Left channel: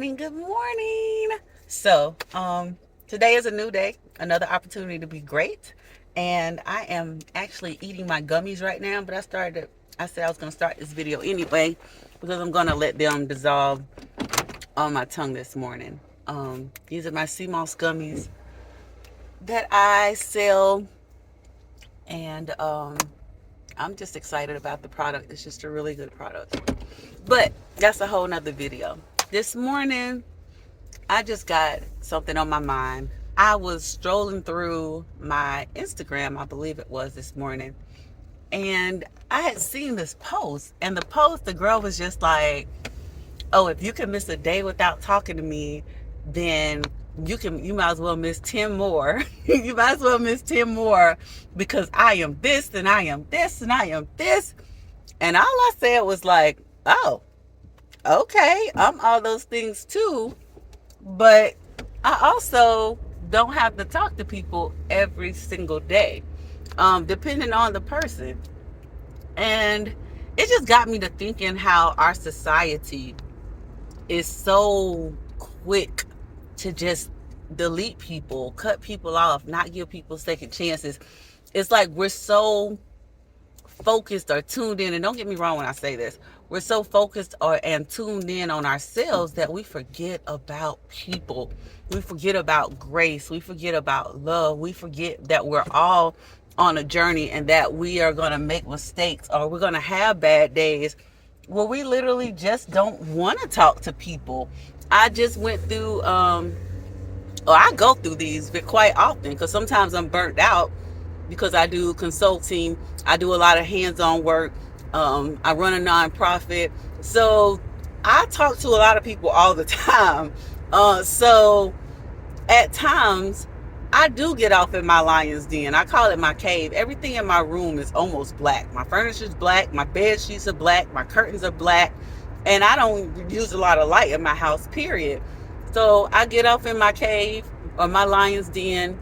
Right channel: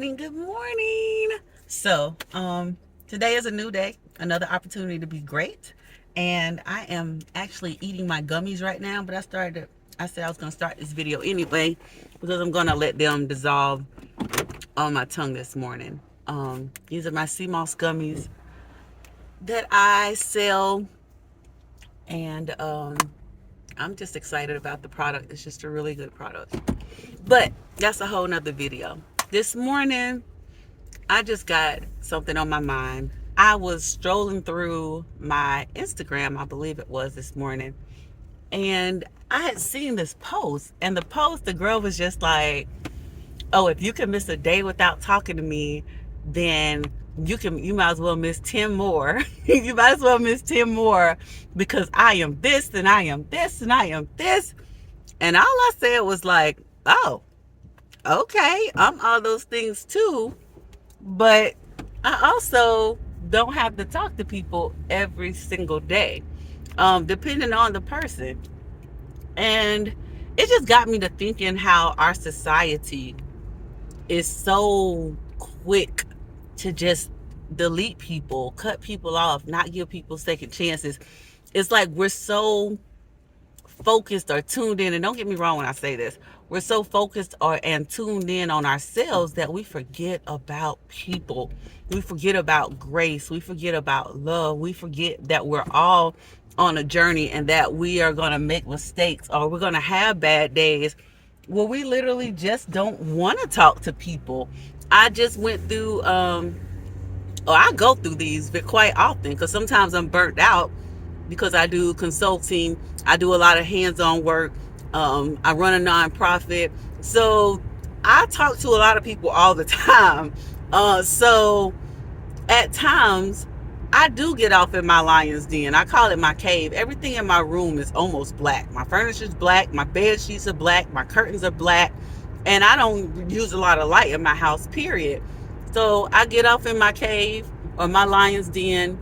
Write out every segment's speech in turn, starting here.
morning. Good morning. Today is a new day, another opportunity to be great. And I am actually eating my gummies right now, but I said I was going to start this video anyway because I'm going to let them dissolve on my tongue this morning. These are my sea moss gummies that I sell, and I'm just excited about the product. It's just a really good product. But that's a whole nother video. This morning, I just got something on my mind. I was strolling through my Instagram, I believe it was this morning, and I had seen this post. And the girl was just like, "Oh, if you can miss a day without talking to me, then you might as well miss 10 more. You might as well miss 10 more because I am this and I am this and I am this." And all I said was like, "Oh, okay, I'm all those things too, but I also don't have to talk to people every single day, depending on the person." And it just got me to thinking how our society is so quick to just delete people, cut people off, not give people second chances. It's like we're so focused or tuned in, and don't get me wrong when I say this, we're so focused and tuned in on ourselves that we forget about people. We forget about grace. We forget about love. We forget that we're all on a journey and that we are going to make mistakes or we're going to have bad days where we literally just don't want to talk to people. I just went through, I go through these quite often because sometimes I'm burnt out because I do consulting. I do a lot of hands-on work. I run a nonprofit. So I talk to a lot of people all the time. So at times I do get off in my lion's den. I call it my cave. Everything in my room is almost black. My furniture is black. My bed sheets are black. My curtains are black. And I don't use a lot of light in my house, period. So I get off in my cave or my lion's den,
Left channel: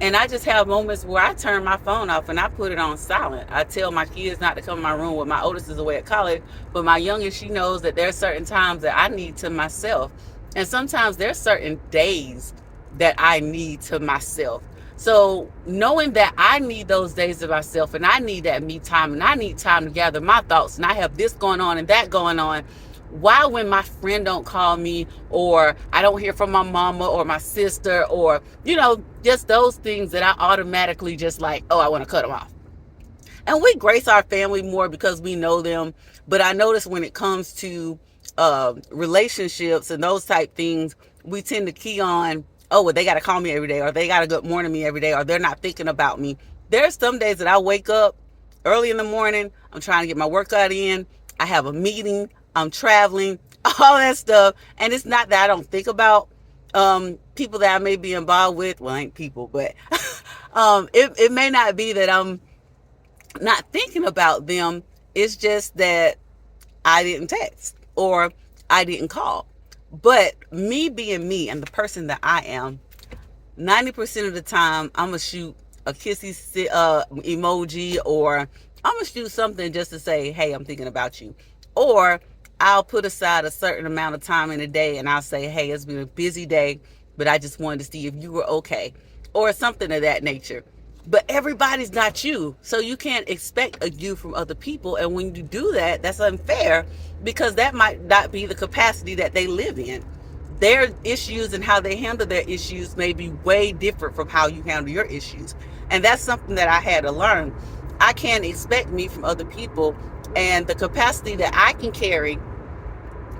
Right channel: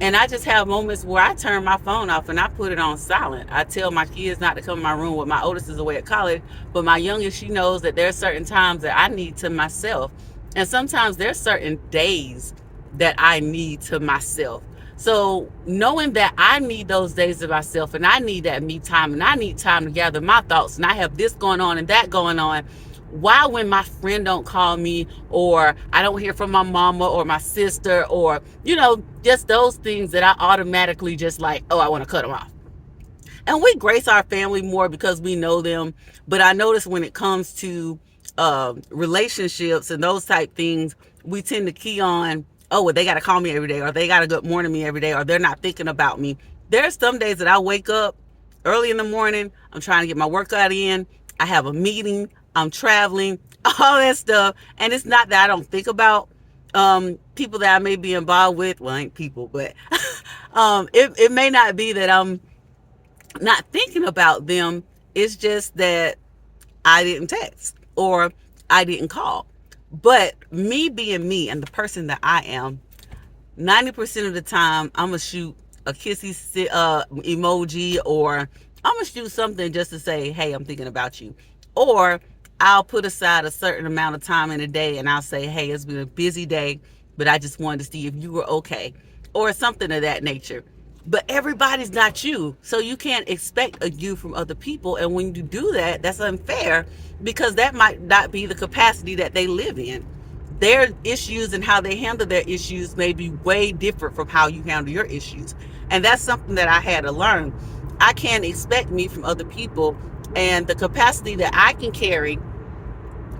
and I just have moments where I turn my phone off and I put it on silent. I tell my kids not to come in my room. With my oldest is away at college, but my youngest, she knows that there are certain times that I need to myself. And sometimes there's certain days that I need to myself. So knowing that I need those days to myself and I need that me time and I need time to gather my thoughts and I have this going on and that going on, why when my friend don't call me or I don't hear from my mama or my sister or, just those things that I automatically just like, oh, I want to cut them off. And we grace our family more because we know them. But I notice when it comes to relationships and those type things, we tend to key on, oh, well, they got to call me every day or they got to good morning me every day or they're not thinking about me. There's some days that I wake up early in the morning. I'm trying to get my workout in. I have a meeting. I'm traveling, all that stuff. And it's not that I don't think about people that I may be involved with. Well, I ain't people, but it may not be that I'm not thinking about them. It's just that I didn't text or I didn't call. But me being me and the person that I am, 90% of the time, I'm going to shoot a kissy emoji or I'm going to shoot something just to say, hey, I'm thinking about you. Or I'll put aside a certain amount of time in a day and I'll say, hey, it's been a busy day, but I just wanted to see if you were okay or something of that nature. But everybody's not you. So you can't expect a you from other people. And when you do that, that's unfair because that might not be the capacity that they live in. Their issues and how they handle their issues may be way different from how you handle your issues. And that's something that I had to learn. I can't expect me from other people, and the capacity that I can carry,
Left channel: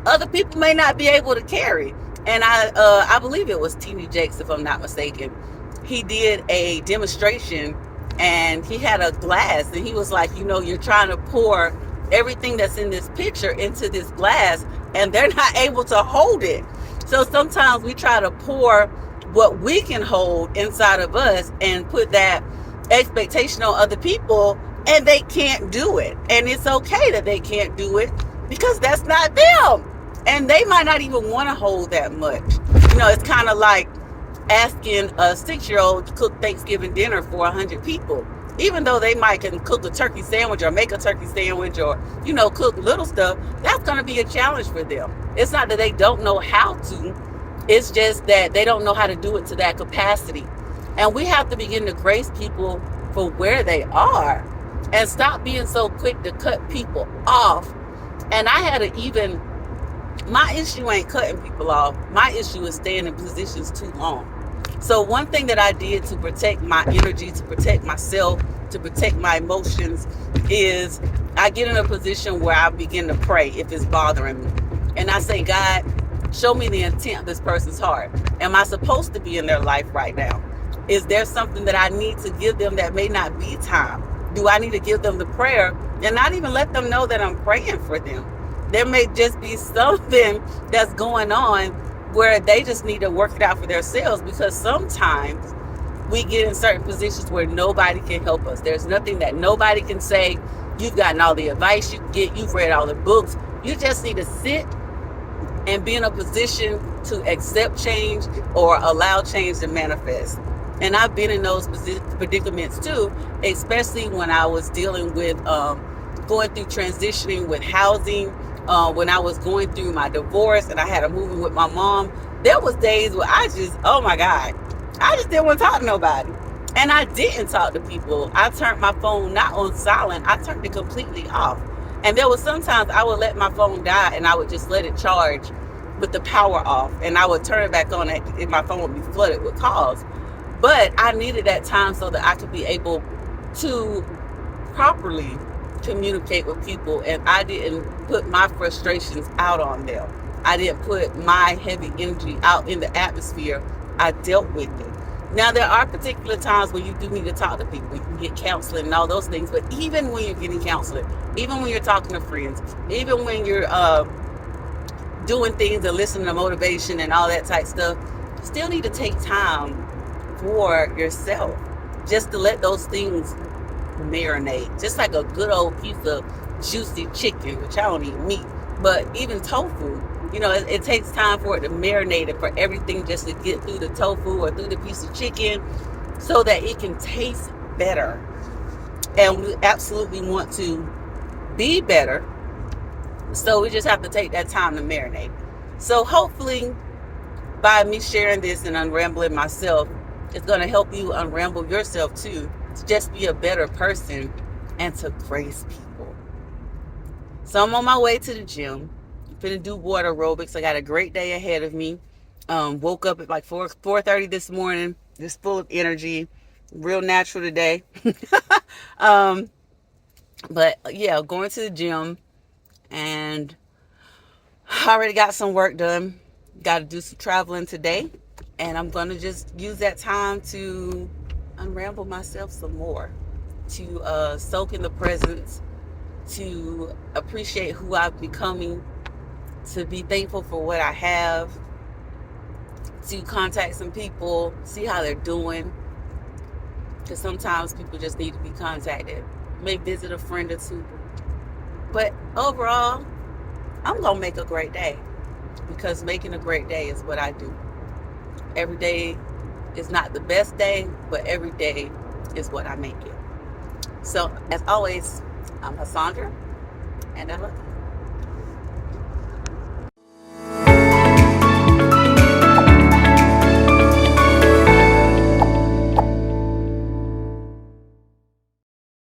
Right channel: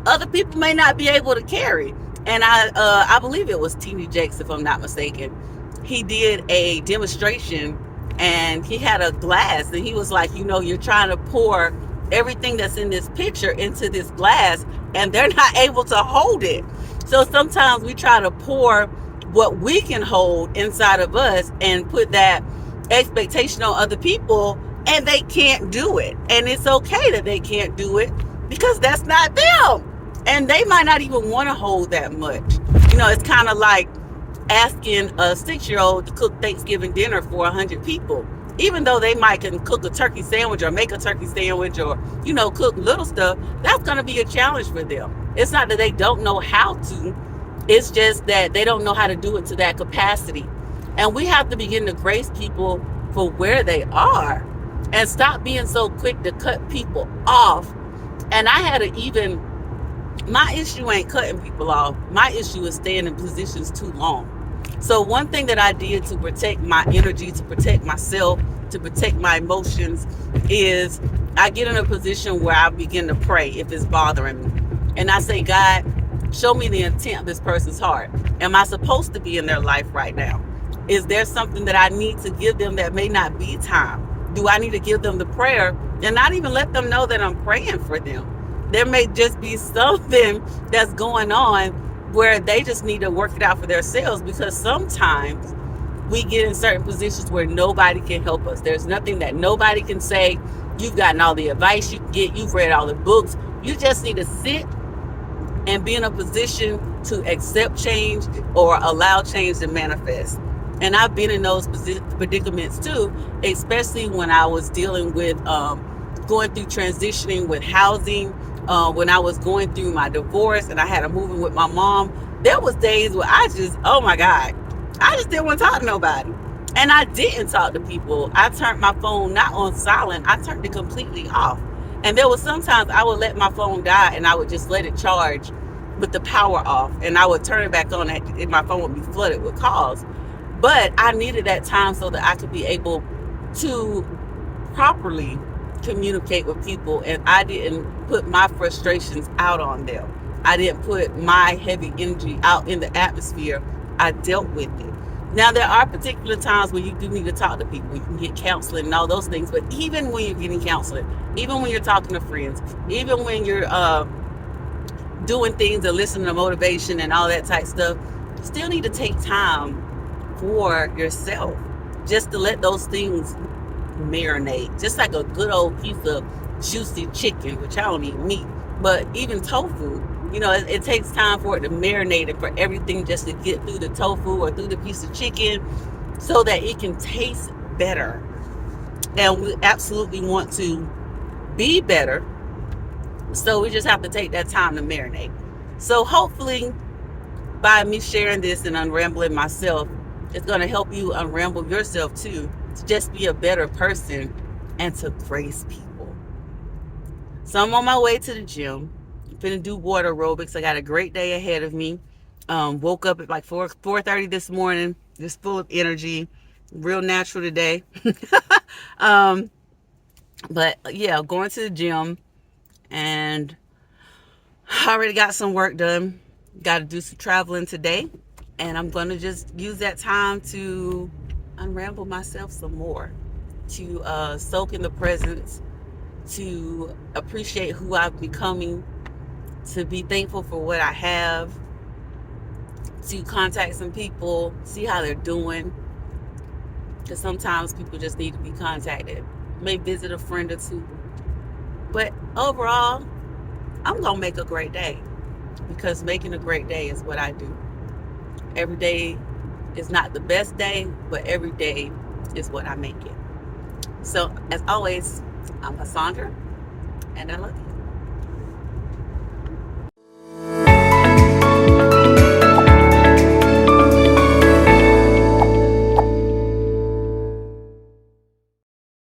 other people may not be able to carry. And I believe it was TV Jakes, if I'm not mistaken. He did a demonstration and he had a glass and he was like, you're trying to pour everything that's in this picture into this glass and they're not able to hold it. So sometimes we try to pour what we can hold inside of us and put that expectation on other people, and they can't do it. And it's okay that they can't do it because that's not them. And they might not even want to hold that much. It's kind of like asking a 6-year-old to cook Thanksgiving dinner for 100 people. even though they might can cook a turkey sandwich or make a turkey sandwich or, cook little stuff, that's going to be a challenge for them. It's not that they don't know how to, it's just that they don't know how to do it to that capacity. And we have to begin to grace people for where they are and stop being so quick to cut people off. And I had to even, my issue ain't cutting people off. My issue is staying in positions too long. So one thing that I did to protect my energy, to protect myself, to protect my emotions is I get in a position where I begin to pray if it's bothering me. And I say, God, show me the intent of this person's heart. Am I supposed to be in their life right now? Is there something that I need to give them that may not be time? Do I need to give them the prayer and not even let them know that I'm praying for them? There may just be something that's going on where they just need to work it out for themselves, because sometimes we get in certain positions where nobody can help us. There's nothing that nobody can say. You've gotten all the advice you can get. You've read all the books. You just need to sit and be in a position to accept change or allow change to manifest. And I've been in those predicaments too, especially when I was dealing with going through transitioning with housing, when I was going through my divorce and I had a moving with my mom. There was days where I just, oh my God, I just didn't want to talk to nobody. And I didn't talk to people. I turned my phone not on silent, I turned it completely off. And there was sometimes I would let my phone die and I would just let it charge with the power off. And I would turn it back on and my phone would be flooded with calls. But I needed that time so that I could be able to properly communicate with people, and I didn't put my frustrations out on them. I didn't put my heavy energy out in the atmosphere. I dealt with it. Now, there are particular times where you do need to talk to people. You can get counseling and all those things. But even when you're getting counseling, even when you're talking to friends, even when you're doing things and listening to motivation and all that type stuff, you still need to take time for yourself, just to let those things marinate. Just like a good old piece of juicy chicken, which I don't eat meat, but even tofu, it takes time for it to marinate and for everything just to get through the tofu or through the piece of chicken so that it can taste better. And we absolutely want to be better. So we just have to take that time to marinate. So hopefully by me sharing this and unrambling myself, it's going to help you unramble yourself too, to just be a better person and to grace people. So I'm on my way to the gym. I'm finna do water aerobics. I got a great day ahead of me. Woke up at like 4:30 this morning, just full of energy, real natural today. But yeah, going to the gym, and I already got some work done. Got to do some traveling today, and I'm going to just use that time to unramble myself some more, to soak in the presence, to appreciate who I'm becoming, to be thankful for what I have, to contact some people, see how they're doing, because sometimes people just need to be contacted. May visit a friend or two, but overall, I'm going to make a great day, because making a great day is what I do. Every day is not the best day, but every day is what I make it. So, as always, I'm Cassandra, and I love you.